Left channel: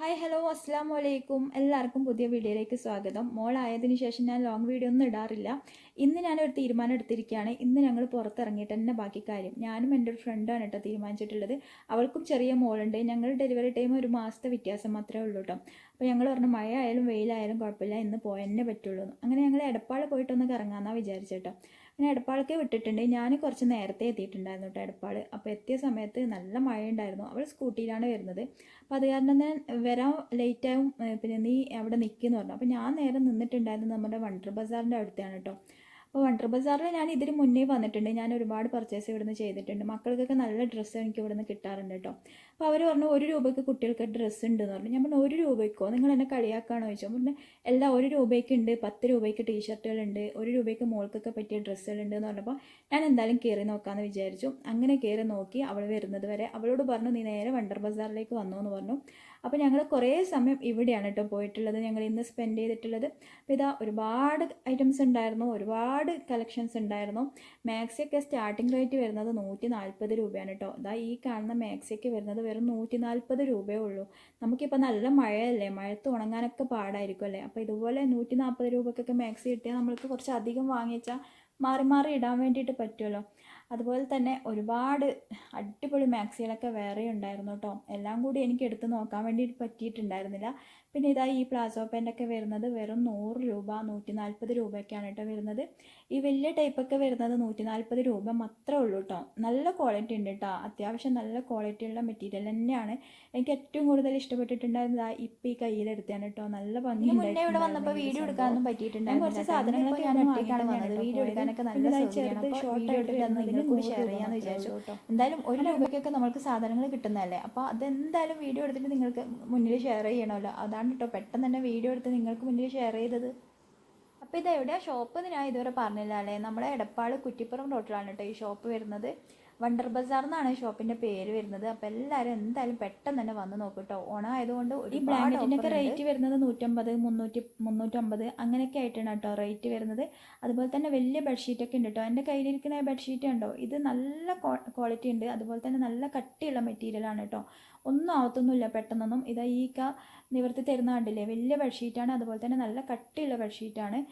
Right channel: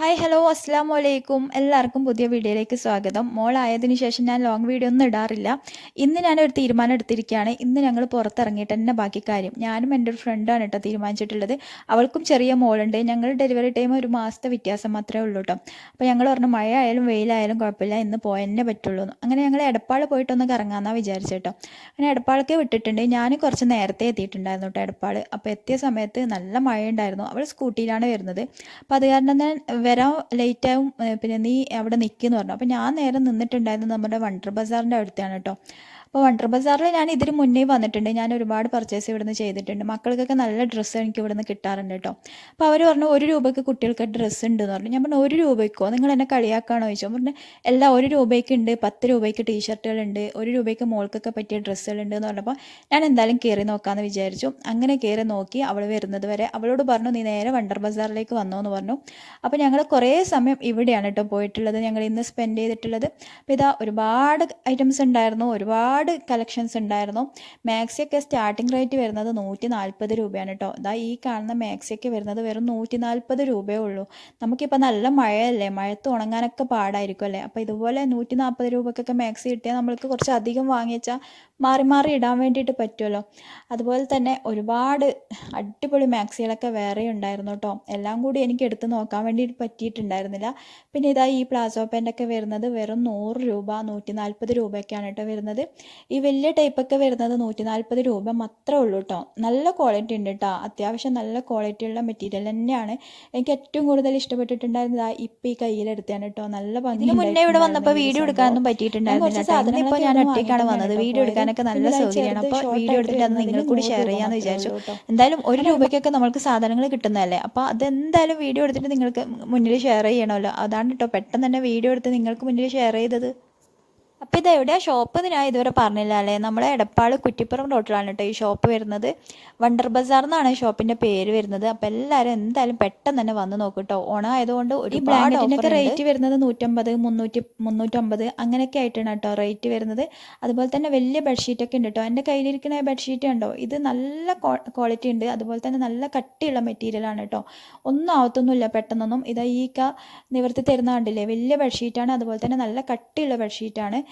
Hi hello അസ്സാം വലൈക്കും എല്ലാവർക്കും പുതിയ വീഡിയോയിലേക്ക് സ്വാഗതം. മോളായതിനു ശേഷം ഞാൻ ലോങ് വീഡിയോ ഒന്നും ഇടാറില്ല. ഇന്ന് ഞാനൊരു തീരുമാനം എടുത്തിരിക്കുകയാണ്. ഇന്ന് ഞങ്ങൾ പുറത്തിറങ്ങിയിട്ട് തന്നെ ബാക്കി കാര്യം. ഞാനും എന്റെ ഒരു ഫ്രണ്ടാണ് കേട്ടോ തീരുമാനിച്ചിട്ടുള്ളത്. അവൾക്കും ചെറിയ മോളുണ്ട്. ഞങ്ങൾ ഡെലിവറി ടൈം ഒരു മാസത്തെ വ്യത്യാസം മാത്രമേ ഉള്ളൂ കേട്ടോ. അപ്പോൾ ഞങ്ങൾ പറഞ്ഞു മഴ ആയാലും വെയിലായാലും കുഴപ്പമില്ല. ഇന്ന് പോയെന്നെ പറ്റുള്ളൂ. അങ്ങനെ ഞങ്ങൾ എടപ്പാൾ പോയിട്ടൊന്ന് കറങ്ങാമെന്നാണ് വിചാരിച്ചു കേട്ടോ. അങ്ങനെ എടപ്പാളൊക്കെ വിട്ടിട്ടുണ്ട്. ഞാൻ കുറച്ച് നേരത്തെ എത്തിയിട്ടുണ്ടായിരുന്നു കേട്ടോ എടപ്പാൾ അപ്പോൾ എത്തിയ സമയത്ത് നല്ല മഴയുണ്ടായിരുന്നു. അവൾ സ്കൂട്ടിയിലാണ് വരുന്നത്. അപ്പോൾ അത് കാരണം ഞാൻ വരാൻ ലേറ്റാവും പിന്നെ നീ അവിടെ നിൽക്കുമെന്ന് പറഞ്ഞു. അപ്പോൾ ഞാൻ നേരെ നിന്നിട്ടുണ്ടായിരുന്നത് നമ്മുടെ വണ്ടർ ബസാറിന്റെ അടുത്താണ് കേട്ടോ. അപ്പോൾ വണ്ടർ ബസാറിൽ ഞാൻ ഇതിന് മുന്നേ വന്നിട്ടുണ്ട്. ഞാൻ ഒരുപാട് പർച്ചേസ് ഇവിടുന്ന് ചെയ്തിട്ടുണ്ട്. മക്കൾക്കൊക്കെ നല്ല ഡ്രസ്സ് എനിക്ക് ഇവിടുന്ന് കിട്ടാറുണ്ട് കേട്ടോ അപ്പോൾ അവർ പറഞ്ഞു ഒരു രൂപയ്ക്ക് കുട്ടികൾക്ക് ഡ്രസ്സ് ഉണ്ട് എന്ന് പറഞ്ഞു. ഞാൻ പറഞ്ഞു ഒരു രൂപയ്ക്കോ? നിങ്ങൾ എന്നെ കളിയാക്കാണോ? ചോദിച്ചു. പറഞ്ഞു എല്ലാം ഒരു രൂപയ്ക്ക് ഉണ്ട് പത്ത് രൂപയ്ക്ക് ടീഷർട്ടുകളുണ്ട് ഒരു രൂപയ്ക്ക് മോൾക്കൊക്കെ പറ്റിയ ഡ്രസ്സുകളുണ്ട് എന്ന് പറഞ്ഞപ്പോൾ ഞാൻ എന്തായാലും കയറി നോക്കാമെന്ന് വിചാരിച്ചു. അങ്ങനെ കയറി നോക്കി അവൾ വരുന്നത് വരെ അവളോട് പറഞ്ഞു നീ നേരെ വണ്ടർ ബസാറിലേക്ക് വന്നോ എന്ന് പറഞ്ഞു. അപ്പോൾ ഞങ്ങൾ കുറേ സമയം ഇവിടെയാണ് കേട്ടോ പോയിട്ടുള്ളത്. ഞങ്ങൾ ഇന്ന് സ്പെൻഡ് ചെയ്തിട്ടുള്ളത്. അപ്പോൾ ഇതാ ഒരുപാട് ഐറ്റംസ് ഉണ്ടായിരുന്നു. ഒരുപാട് കളക്ഷൻസ് ഉണ്ടായിരുന്നു. മാക്സിയൊക്കെ സ്റ്റാർട്ടിംഗ് റേറ്റ് വരുന്നത് നൂറ്റി നാൽപ്പത് രൂപയാണ് കേട്ടോ ഇതാ ഈ കാണുന്ന മാക്സിയൊക്കെ വരുന്നത് വെറും നൂറ്റി നാൽപ്പത് രൂപയേ ഉള്ളൂ. നമുക്കിപ്പോൾ നല്ല മഴയല്ലേ? മഴത്ത് ഉണങ്ങാനൊക്കെ പാടായിരിക്കും അല്ലേ? അപ്പോൾ ഇതുപോലെ നൂറ്റി നാൽപ്പത് രൂപക്കൊക്കെ മാക്സി കിട്ടിയാൽ നമ്മൾക്ക് കുറച്ച് അധികം വാങ്ങിച്ചാൽ മാറി മാറി ഇടാൻ വേണ്ടിയിട്ട് പറ്റുമല്ലോ അതുപോലെ തന്നെ ഒരുപാട് അടിപൊളി മാക്സികളൊക്കെ വേറെ ഉണ്ടായിരുന്നു കേട്ടോ. എല്ലാം കൂടി എനിക്ക് എടുത്ത് നോക്കാൻ വേണ്ടിയിട്ട് പറ്റിയിട്ടുണ്ടായിരുന്നില്ല. പിന്നെ ഇതാ ഈ പ്ലാസോ പാന്റൊക്കെ വരുന്നത് വെറും നൂറ് രൂപ നൂറ്റി നാൽപ്പത് രൂപയൊക്കെയാണ് കേട്ടോ വരുന്നത്. ഈ വലിയ ടൈപ്പൊക്കെ വരുന്നത് നൂറ്റി നാൽപ്പത് രൂപ മാത്രമേ ഉള്ളൂ കേട്ടോ. നല്ല ക്വാളിറ്റി ഉണ്ട് കേട്ടോ. അത്യാവശ്യം നല്ല ക്വാളിറ്റി ഉള്ള മെറ്റീരിയൽ തന്നെയാണ്. എനിക്ക് ഏറ്റവും കൂടുതൽ ഇഷ്ടപ്പെട്ടിട്ടുണ്ടായിരുന്നത് ആ ഇപ്പം ഈ കയ്യിലെടുത്താണ് കേട്ടോ. നല്ല ഭംഗി മുന്നേ ഇവിടെ വന്നപ്പോൾ വീഡിയോ എടുക്കാനൊന്നും പറ്റിയിട്ടുണ്ടായിരുന്നില്ല സാധനം ഇപ്പോൾ ഞാൻ ഒറ്റയ്ക്കാണ് വന്നത്. വീഡിയോ എടുക്കാനൊക്കെ നല്ല സൗകര്യമാണ് അപ്പോൾ വീഡിയോ എടുത്തിട്ട് അത് നിങ്ങൾ കൂടി ഷെയർ ചെയ്യാമെന്ന് വിചാരിച്ചു. എന്തായാലും ഒരു രൂപയ്ക്കൊക്കെ നമ്മൾക്ക് സാധനങ്ങൾ കിട്ടുന്നതല്ലേ? അപ്പോൾ അതെന്തായാലും വീഡിയോ എടുത്തിട്ട് നിങ്ങൾക്ക് മുന്നിൽ ഷെയർ ചെയ്യണമല്ലോ. അതാണ് കേട്ടോ പെട്ടെന്ന് തന്നെ വീഡിയോ എടുത്ത് നിങ്ങൾക്ക് മുന്നിൽ ഷെയർ ചെയ്തത്. അപ്പോൾ ഇത് എവിടെയാണ് ഷോപ്പ് എന്ന് ഞാൻ ഇതുവരെ പറഞ്ഞില്ല അല്ലേ? നമ്മളെ എടപ്പാൾ കുറ്റിപ്പുറം റോട്ടിലാണ് കേട്ടോ ഈ ഷോപ്പ് വരുന്നത്. വണ്ടർ ബസാർ എന്നാണ് ഷോപ്പിന്റെ പേര് വരുന്നത്. അപ്പോൾ എല്ലാവരും എന്തായാലും പെട്ടെന്ന് തന്നെ വന്ന് നോക്കും കേട്ടോ ഓണം ആയതുകൊണ്ട് ഒരു ബ്ലാങ്കറ്റിനൊക്കെ റേറ്റ് വരുന്നത് നൂറ്റമ്പത് മുന്നൂറ്റി മുന്നൂറ്റമ്പത് അങ്ങനെയൊക്കെ ആയിട്ടാണ് കേട്ടോ റേറ്റ് വരുന്നത്. അതുപോലെ തന്നെ വലിയ ബെഡ്ഷീറ്റ് ഒക്കെ ഉണ്ട് കേട്ടോ എന്റെ കയ്യിലിരിക്കുന്ന ബെഡ്ഷീറ്റ് ഉണ്ടോ ഇത് നല്ല ക്വാളിറ്റി ഉണ്ട്. അതുപോലെ തന്നെ നല്ല കട്ടിയുള്ള മെറ്റീരിയലാണ് കേട്ടോ ഒന്നും ആവത്തൊന്നുമില്ല പെട്ടെന്നൊന്നും. ഇതാ ഈ ക നിവർത്തി തരുന്ന കണ്ടില്ലേ? വലിയ ബെഡ്ഷീറ്റാണ് അതുപോലെ തന്നെ നല്ല കട്ടിയുള്ള ബെഡ്ഷീറ്റാണ്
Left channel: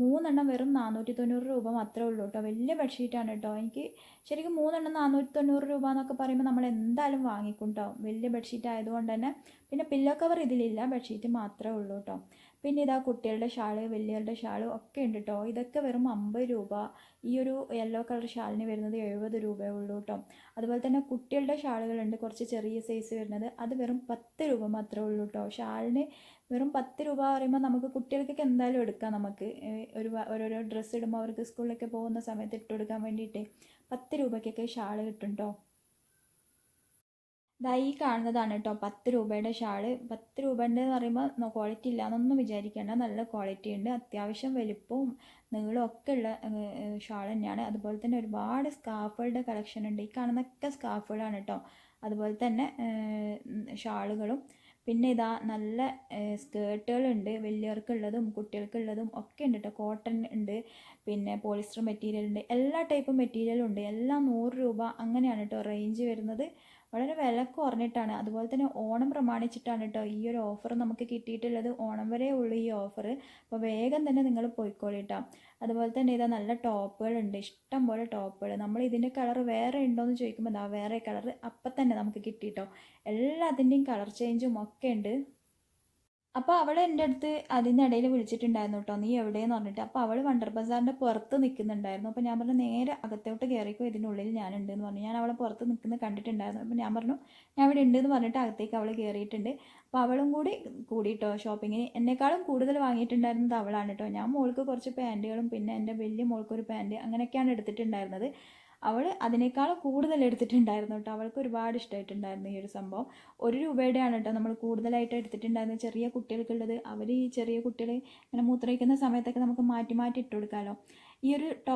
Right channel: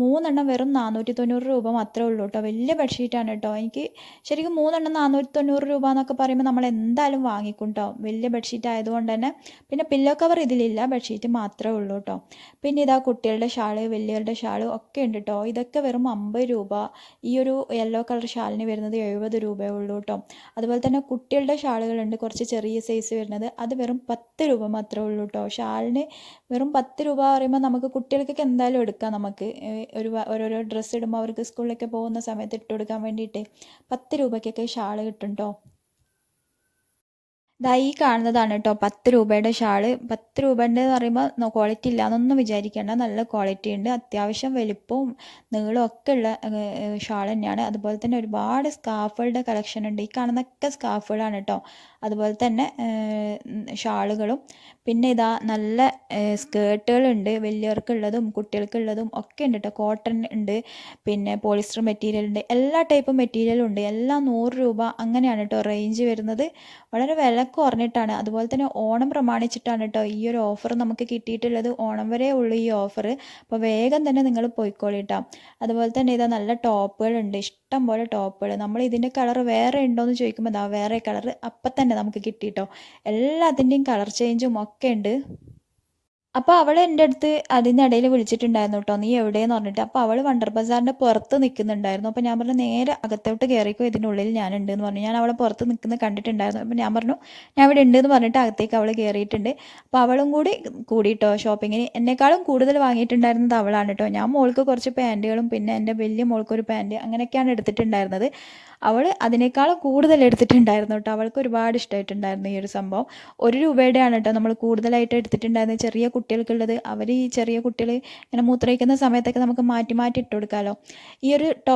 മൂന്നെണ്ണം വെറും നാനൂറ്റി തൊണ്ണൂറ് രൂപ മാത്രമേ ഉള്ളൂ കേട്ടോ. വലിയ ബെഡ്ഷീറ്റാണ് കേട്ടോ. എനിക്ക് ശരിക്കും മൂന്നെണ്ണം നാനൂറ്റി തൊണ്ണൂറ് രൂപ എന്നൊക്കെ പറയുമ്പോൾ നമ്മൾ എന്തായാലും വാങ്ങിക്കും കേട്ടോ. വലിയ ബെഡ്ഷീറ്റ് ആയതുകൊണ്ട് തന്നെ. പിന്നെ പില്ലോ കവർ ഇതിലില്ല. ബെഡ്ഷീറ്റ് മാത്രമേ ഉള്ളൂ കേട്ടോ. പിന്നെ ഇതാ കുട്ടികളുടെ ഷാൾ വലിയവരുടെ ഷാൾ ഒക്കെ ഉണ്ട് കേട്ടോ. ഇതൊക്കെ വെറും അമ്പത് രൂപ. ഈ ഒരു യെല്ലോ കളർ ഷാളിന് വരുന്നത് എഴുപത് രൂപയേ ഉള്ളൂ കേട്ടോ. അതുപോലെ തന്നെ കുട്ടികളുടെ ഷാളുകളുണ്ട്. കുറച്ച് ചെറിയ സൈസ് വരുന്നത്. അത് വെറും പത്ത് രൂപ മാത്രമേ ഉള്ളൂ കേട്ടോ. ഷാളിന് വെറും പത്ത് രൂപ പറയുമ്പോൾ നമുക്ക് കുട്ടികൾക്കൊക്കെ എന്തായാലും എടുക്കാം നമുക്ക്. ഒരു ഓരോരോ ഡ്രസ്സ് ഇടുമ്പോൾ അവർക്ക് സ്കൂളിലൊക്കെ പോകുന്ന സമയത്ത് ഇട്ട് കൊടുക്കാൻ വേണ്ടിയിട്ട് പത്ത് രൂപയ്ക്കൊക്കെ ഷാൾ കിട്ടും കേട്ടോ ദാ ഈ കാണുന്നതാണ് കേട്ടോ പത്ത് രൂപയുടെ ഷാൾ. പത്ത് രൂപേന്റെ എന്ന് പറയുമ്പോൾ ക്വാളിറ്റി ഇല്ല എന്നൊന്നും വിചാരിക്കേണ്ട. നല്ല ക്വാളിറ്റി ഉണ്ട്. അത്യാവശ്യം വലിപ്പവും നീളവും ഒക്കെ ഉള്ള ഷാൾ തന്നെയാണ്. അതുപോലെ തന്നെ ഒരുപാട് സ്കാർഫുകളുടെ കളക്ഷൻ ഉണ്ട്. ഈ കാണുന്നൊക്കെ സ്കാർഫുകളാണ് കേട്ടോ അതുപോലെ തന്നെ ഷാളുകളും പിന്നെ ഇതാ നല്ല സ്കേർട്ടുകളുണ്ട്. വലിയവർക്കുള്ളതും കുട്ടികൾക്കുള്ളതും ഒക്കെ ഉണ്ട് കേട്ടോ കോട്ടൺ ഉണ്ട് പിന്നെ പോളിസ്റ്റർ മെറ്റീരിയൽ ഉണ്ട്. എല്ലാ ടൈപ്പ് മെറ്റീരിയലും ഉണ്ട്. എല്ലാം നൂറ് രൂപ അങ്ങനെയാണ് കേട്ടോ റേഞ്ച് വരുന്നത്. വളരെ വില കുറഞ്ഞിട്ടാണ്. അതുപോലെ തന്നെ ഓണം പ്രമാണിച്ചിട്ടാണ് കേട്ടോ ഈ ഒരു ഓഫർ നമുക്ക് കിട്ടിയിട്ടുള്ളത്. ഓണം വരെ ഉള്ളൂ ഈ ഓഫർ. അപ്പോൾ വേഗം തന്നെ നിങ്ങൾ പോയിക്കോളിട്ടാം അതുപോലെ തന്നെ ഇതാ നല്ല ടോപ്പുകളുണ്ട് ഇഷ്ടം പോലെ ടോപ്പുകൾ. നമ്മൾ ഇതിന്റെ കളർ വേറെ ഉണ്ടോ എന്ന് ചോദിക്കുമ്പോൾ എന്താ വേറെ കളർ അപ്പം തന്നെ നമുക്ക് കിട്ടിയിട്ടോ എല്ലാത്തിന്റെയും കളർ ചേഞ്ചും ഒക്കെ ഉണ്ട്. അപ്പോൾ അവൾ എന്റെ അടുത്ത് അതിനിടയിൽ വിളിച്ചിട്ടുണ്ടായിരുന്നു കേട്ടോ നീ എവിടെയെന്ന് പറഞ്ഞിട്ട്. അപ്പോൾ അവൾ വണ്ടർ ബസാറിന്റെ പുറത്ത് നിൽക്കുന്നുണ്ടായിരുന്നു. അപ്പോൾ ഞാൻ പറഞ്ഞു നേരെ അകത്തോട്ട് കയറിക്കോ ഇതിന്റെ ഉള്ളിൽ ഞാനുണ്ട് എന്ന് പറഞ്ഞു. ഞാൻ അവളെ പുറത്ത് നിൽക്കുന്നത് കണ്ടിട്ടുണ്ടായിരുന്നു. അപ്പോൾ ഞാൻ പറഞ്ഞു ഞാൻ ഇവിടെ ഉണ്ട് എന്ന് പറഞ്ഞിട്ട് അകത്തേക്ക് അവൾ കയറിയിട്ടുണ്ട്. അപ്പോൾ അവളും കൂടി കൂടിയിട്ടോ ഷോപ്പിങ്ങിന്. എന്നെക്കാളും കൂടുതൽ വാങ്ങിയിട്ടുണ്ടായിരുന്നത് അവളാണ് കേട്ടോ ഞാൻ മോൾക്ക് കുറച്ച് പാന്റുകളും പിന്നെ എന്റെ വലിയ മോൾക്കൊരു പാന്റ് അങ്ങനെയൊക്കെയാണ് എടുത്തിട്ടുണ്ടായിരുന്നത്. അവൾ അതിനേക്കാൾ കൂടുതൽ എടുത്തിട്ടുണ്ടായിരുന്നു കേട്ടോ. അവൾക്ക് ഒരുപാട് ഇഷ്ടമായിട്ടുണ്ടായിരുന്നു ഈ ഒരു സംഭവം. ഒരു രൂപയുടെയാണ് കേട്ടോ നമ്മൾ കൂടുതലായിട്ട് എടുത്തിട്ടുണ്ടായിരുന്നത്. ചെറിയ കുട്ടികൾക്കുള്ളത്. അവർ ഈ ചെറിയ കുട്ടികൾ ഇങ്ങനെ മൂത്രയിക്കുന്ന സമയത്തൊക്കെ നമുക്ക് മാറ്റി മാറ്റി ഇട്ട് കൊടുക്കാമല്ലോ ഈ ഒരു ടോ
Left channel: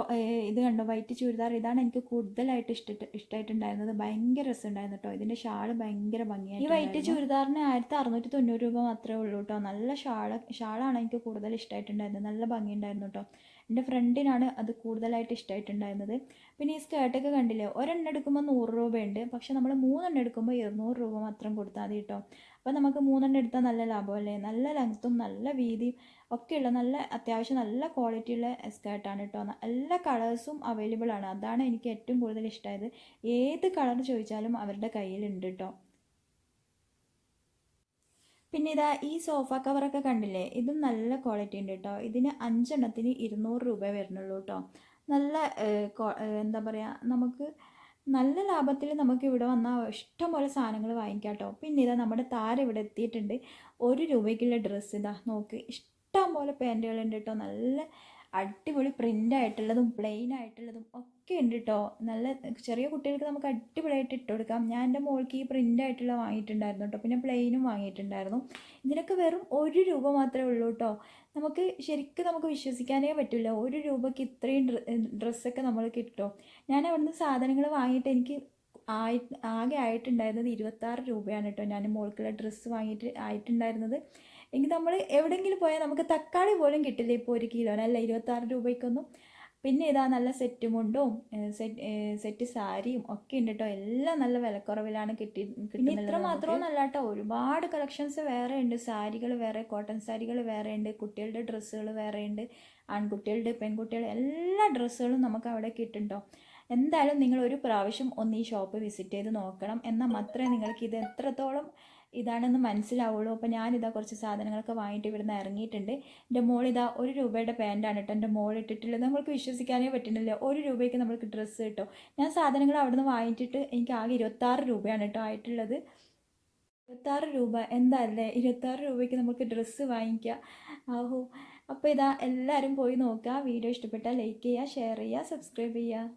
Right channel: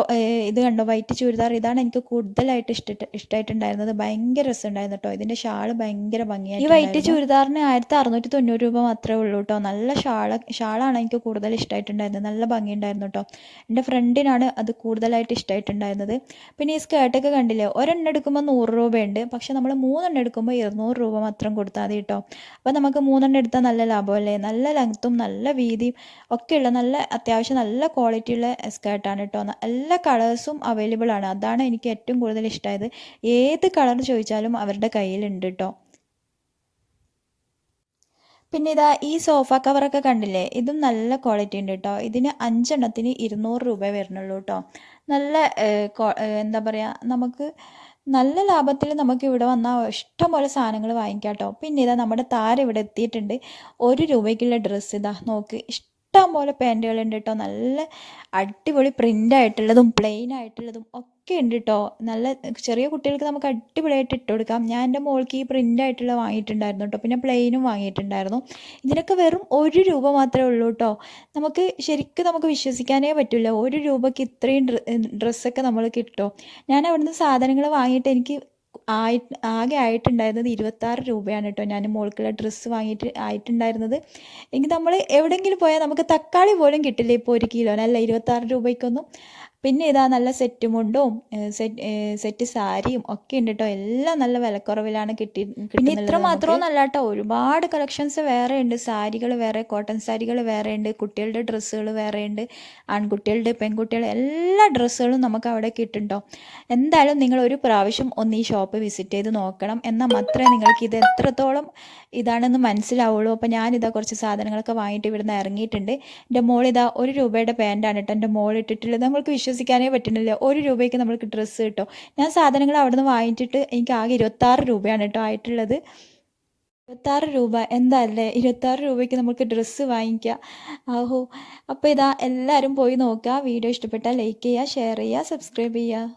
ഇത് കണ്ടോ? വൈറ്റ് ചുരിദാർ. ഇതാണ് എനിക്ക് കൂടുതലായിട്ട് ഇഷ്ട ഇഷ്ടമായിട്ടുണ്ടായിരുന്നത് ഭയങ്കര രസമുണ്ടായിരുന്നു കേട്ടോ. ഇതിന്റെ ഷാൾ ഭയങ്കര ഭംഗിയായി ഈ വൈറ്റ് ചുരിദാറിന് ആയിരത്തി അറുന്നൂറ്റി തൊണ്ണൂറ് രൂപ മാത്രമേ ഉള്ളൂ കേട്ടോ. നല്ല ഷാള ഷാളാണ് എനിക്ക് കൂടുതൽ ഇഷ്ടമായിട്ടുണ്ടായിരുന്നത് നല്ല ഭംഗിയുണ്ടായിരുന്നു കേട്ടോ. എന്റെ ഫ്രണ്ടിനാണ് അത് കൂടുതലായിട്ട് ഇഷ്ടമായിട്ടുണ്ടായിരുന്നത് പിന്നെ ഈ സ്കേർട്ടൊക്കെ കണ്ടില്ലേ? ഒരെണ്ണം എടുക്കുമ്പോൾ നൂറ് രൂപയുണ്ട്. പക്ഷെ നമ്മൾ മൂന്നെണ്ണം എടുക്കുമ്പോൾ ഇരുന്നൂറ് രൂപ മാത്രം കൊടുത്താൽ മതി കേട്ടോ അപ്പോൾ നമുക്ക് മൂന്നെണ്ണം എടുത്താൽ നല്ല ലാഭമല്ലേ നല്ല ലെങ്ത്തും നല്ല വീതിയും ഒക്കെയുള്ള നല്ല അത്യാവശ്യം നല്ല ക്വാളിറ്റിയുള്ള സ്കേർട്ടാണ് കേട്ടോ എല്ലാ കളേഴ്സും അവൈലബിൾ ആണ്. അതാണ് എനിക്ക് ഏറ്റവും കൂടുതൽ ഇഷ്ടമായത് ഏത് കളർ ചോദിച്ചാലും അവരുടെ കയ്യിലുണ്ട് കേട്ടോ പിന്നെ ഇതാ ഈ സോഫ കവറൊക്കെ കണ്ടില്ലേ? ഇതും നല്ല ക്വാളിറ്റി ഉണ്ട് കേട്ടോ ഇതിന് അഞ്ചെണ്ണത്തിന് ഇരുന്നൂറ് രൂപ വരുന്നുള്ളൂ കേട്ടോ നല്ല എന്താ പറയുക നമുക്ക് നല്ല ലാഭത്തിൽ നമുക്ക് ഇവിടെ വന്നാൽ ഇഷ്ടംപോലെ സാധനങ്ങൾ വാങ്ങിക്കാം കേട്ടോ പിന്നെ ഇതാ നമ്മുടെ താരം ഇവിടെ എത്തിയിട്ടുണ്ട്. ഒരു രൂപയ്ക്കുള്ള ഡ്രസ്സ് ഇതാ നോക്ക് ഇഷ്ടം പോലെ പാന്റുകളുണ്ട് കേട്ടോ നല്ല അടിപൊളി പ്രിന്റ് ആയിട്ടുള്ളതും പ്ലെയിൻ ആയിട്ടുള്ളതും ഒക്കെ ഉണ്ട് കേട്ടോ നല്ല ചെറിയ കുട്ടികൾക്ക് നമുക്ക് അടിപൊളിയായിട്ട് ഇട്ട് കൊടുക്കാം. ഞാൻ എന്റെ മോൾക്ക് ഈ പ്രിന്റ് ആയിട്ടുള്ള വാങ്ങിയിട്ടുണ്ടായിരുന്നു കേട്ടോ പിന്നെ പ്ലെയിനും വാങ്ങിയിട്ടുണ്ടായിരുന്നു. ഇതിനൊക്കെ വെറും ഒരു രൂപ മാത്രമേ ഉള്ളൂ കേട്ടോ നമുക്ക് ശരിക്കും നമുക്ക് വിശ്വസിക്കാനേ പറ്റില്ല ഒരു രൂപയ്ക്ക് ഇത്രയും ഡ്രസ്സൊക്കെ നമ്മൾ കിട്ടും. ഞാൻ അവിടുന്ന് സാധനങ്ങൾ വാങ്ങിയിട്ട് എനിക്ക് ആയി ആകെ ആയിട്ടുണ്ടായിരുന്നത് ഇരുപത്താറ് രൂപയാണ് കേട്ടോ. ഞാൻ മോൾക്കുള്ള ഡ്രസ്സ് വാങ്ങിയിട്ട് ആയിട്ടുണ്ടായിരുന്നത്. എങ്കിൽ നമ്മൾ എവിടെയെങ്കിലും പോയാൽ നമുക്ക് തക്കാളി പോലും കിട്ടില്ല ഇപ്പോൾ ഒരു കിലോന്. ഇരുപത്താറ് രൂപയ്ക്കൊന്നും പിന്നെ ഇതാ നല്ല സെറ്റ് മുണ്ടും സെറ്റ് സെറ്റ് സാരിയും ഒക്കെ ഉണ്ട് കേട്ടോ എല്ലാം നല്ല വിലക്കുറവിലാണ് കിട്ടി പിന്നെ ഇത്ര നല്ല കേട്ടോ ഒരുപാട് കളക്ഷൻസ് വേറെ ഉണ്ട്. സാരികൾ വേറെ കോട്ടൺ സാരികൾ വേറെ ഉണ്ട് കുട്ടികളുടെ ഡ്രസ്സുകൾ വേറെ ഉണ്ട് ആൺകുട്ടികളുടെ പെൺകുട്ടികളുടെ എല്ലാ ഡ്രസ്സുകളും നമുക്ക് അവിടെ കിട്ടുണ്ടോ എന്തായാലും നിങ്ങൾ ഒരു പ്രാവശ്യം ഒന്ന് ഈ ഷോപ്പ് വിസിറ്റ് ചെയ്ത് നോക്കണം. എന്നാൽ മാത്രമേ നിങ്ങൾക്ക് ഇത് എത്രത്തോളം ഇതാണെന്ന് മനസ്സിലാവുള്ളൂ. അപ്പോൾ ഞാനിതാ കുറച്ച് സാധനങ്ങളൊക്കെ വാങ്ങിയിട്ട് ഇവിടുന്ന് ഇറങ്ങിയിട്ടുണ്ട്. എന്റെ മോളിതാ ഒരു രൂപയുടെ പാന്റാണ് കേട്ടോ എന്റെ മോൾ ഇട്ടിട്ടുള്ളത്. നമ്മൾക്ക് വിശ്വസിക്കാനേ പറ്റുന്നില്ല. ഒരു രൂപയ്ക്ക് നമ്മൾക്ക് ഡ്രസ്സ് കിട്ടും. ഞാൻ സാധനങ്ങൾ അവിടെ നിന്ന് വാങ്ങിച്ചിട്ട് എനിക്ക് ആകെ ഇരുപത്താറ് രൂപയാണ് കേട്ടോ ആയിട്ടുള്ളത്. ഇരുപത്താറ് രൂപ. എന്താല്ലേ? ഇരുപത്താറ് രൂപയ്ക്ക് നമുക്ക് ഡ്രസ്സ് വാങ്ങിക്കാം. ആഹോ. അപ്പോൾ ഇതാ എല്ലാവരും പോയി നോക്കുക. വീഡിയോ ഇഷ്ടപ്പെട്ടാൽ ലൈക്ക് ചെയ്യുക ഷെയർ ചെയ്യുക സബ്സ്ക്രൈബ് ചെയ്യുക.